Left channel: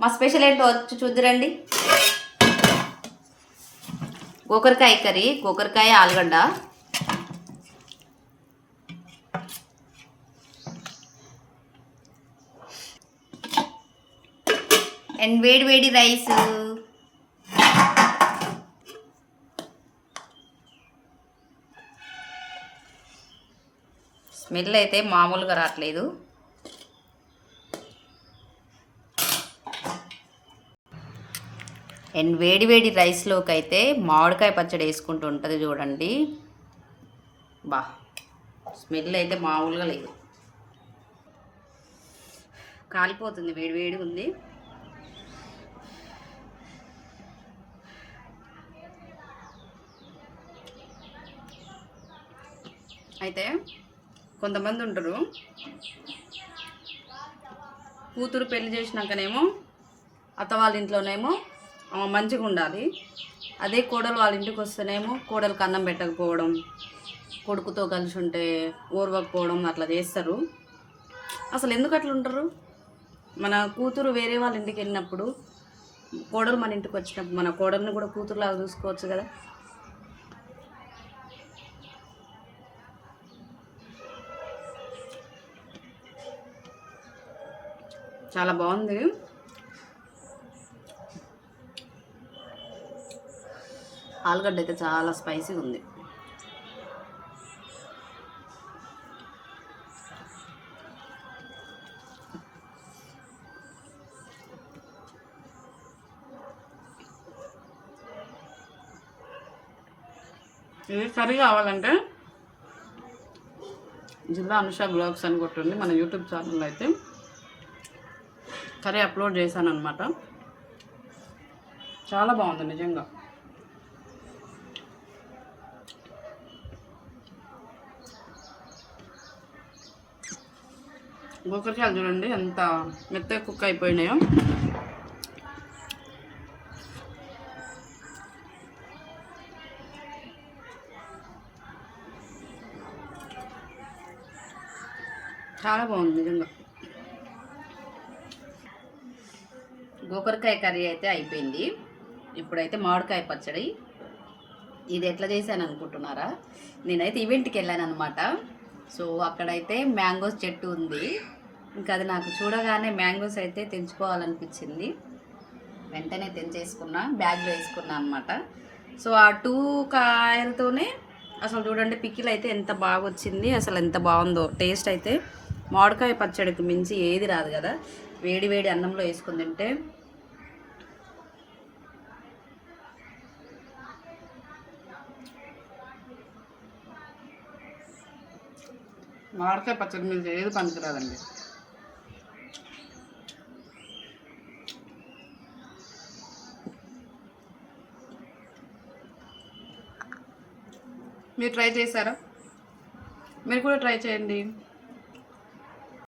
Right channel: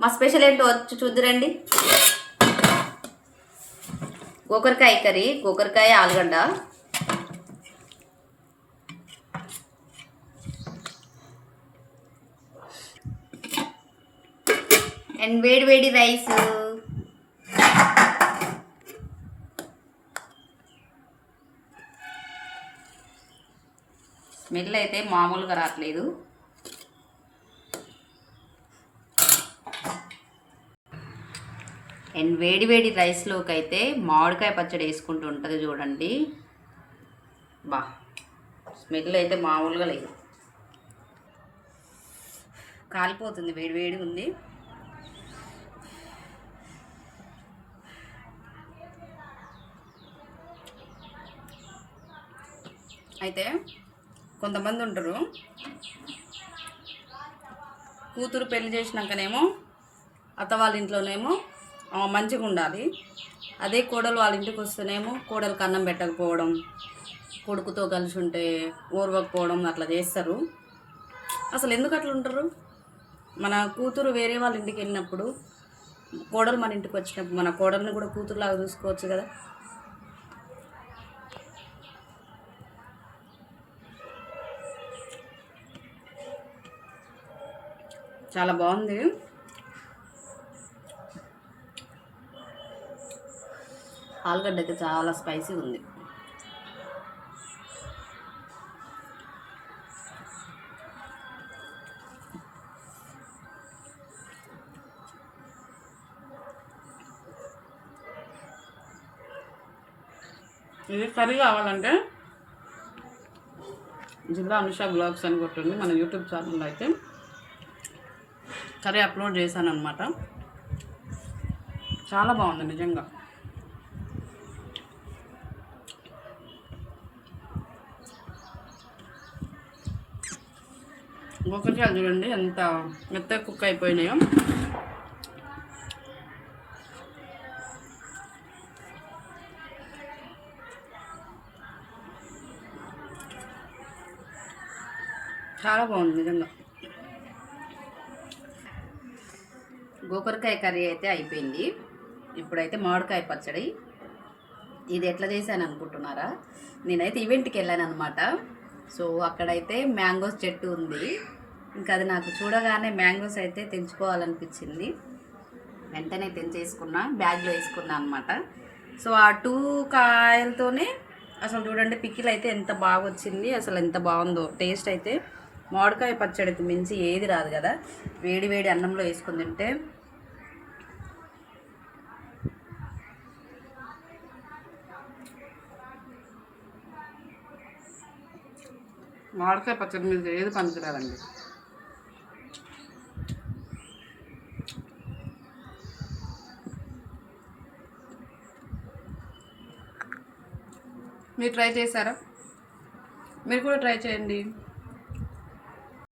మా స్పెషల్ ఏంటో వచ్చి చూద్దురండి. గోకరకాయ కర్రీ, గోకరకాయ ఆలుగడ్డ అండ్ వేడి వేడి రైస్. స్మెల్ అయితే మామూలుగా రావట్లేదు. అండ్ వేడి వేడి రైస్లోకి అయితే మామిడికాయ పచ్చడి వేసుకుంటూ ఉంటుంది చూడండి. బా స్మెల్ అయితే మామూలుగా లేదు, కాలిపోతుంది, వేడి వేడిగా ఉంది. అయితే కొంతమంది ఉంటారు, కూతురు పెళ్లి చేసినాకనేమో అత్త వాళ్ళ ఇంట్లోనేమో మంచిగా ఉండాలి, అదే కోడలు వాళ్ళ ఇంటికి వస్తేనేమో కోడలికి అన్నం పెట్టకపోవడం, కొడుకుతో కలిసి ఉంటే ఓర్వకపోవడం అట్లా చేస్తారు. అసలు ఎందుకు అట్లా ఉంటారు? మన కూతురు వేరే వాళ్ళ ఇంటికి వెళ్ళినప్పుడు కోడలు మన ఇంటికి వచ్చినప్పుడు మన కోడల్ని కూడా కూతురులాగా చూసుకోవచ్చు కదా. చాలా బాగుంది. ఆలుగడ్డ అయితే చాలా స్పైసీగా ఉంది. ఇది కర్రీ కావాలంటే జిల్లా అనుష బ్లాగ్స్ అని కొట్టింది మన యూట్యూబ్ ఛానల్లో. అయితే కర్రీ అప్లోడ్ చేశాను అనమాట. చాలా బాగుంది నిజంగా. గోకరకాయలు చూడండి ఎంత మెత్తగా కుక్ అయిపోయినాయో. చాలా బాగుంది నిజంగా. గోకరకాయ కర్రీ అయితే అయిపోయింది. ఇప్పుడైతే మామిడికాయ పచ్చడి. ఇది ఎట్లా చేశాను అనుకుంటున్నారా? నేనైతే ఈవెంట్కి వెళ్ళాను అనమాట. సో అక్కడైతే మ్యాంగోస్ చెట్టు ఉంది. ఇంకా అది నాకు చూడగానే మ్యాంగోస్ అయితే తెంచుకోవాలనిపించింది. వెంటనే తెంచేసుకున్నా, బ్యాగ్లో వేసుకున్నా అనమాట. సో ఆ 2 కాయలతోనే అసలు చూడండి పికిల్ అయితే ఎంత బాగా వచ్చింది, అసలు ఎంత బాగుందో టేస్ట్ అయితే. మామిడికాయ పచ్చడికి మించి ఏది రాదు కదా. వేడి వేడి అన్నంలో వేసుకుని తింటే మామిడికాయ పచ్చడి మీద ఏది పనికిరాదండి. మీరు ట్రై చేశారా? మీరు కూడా ట్రై చేయండి.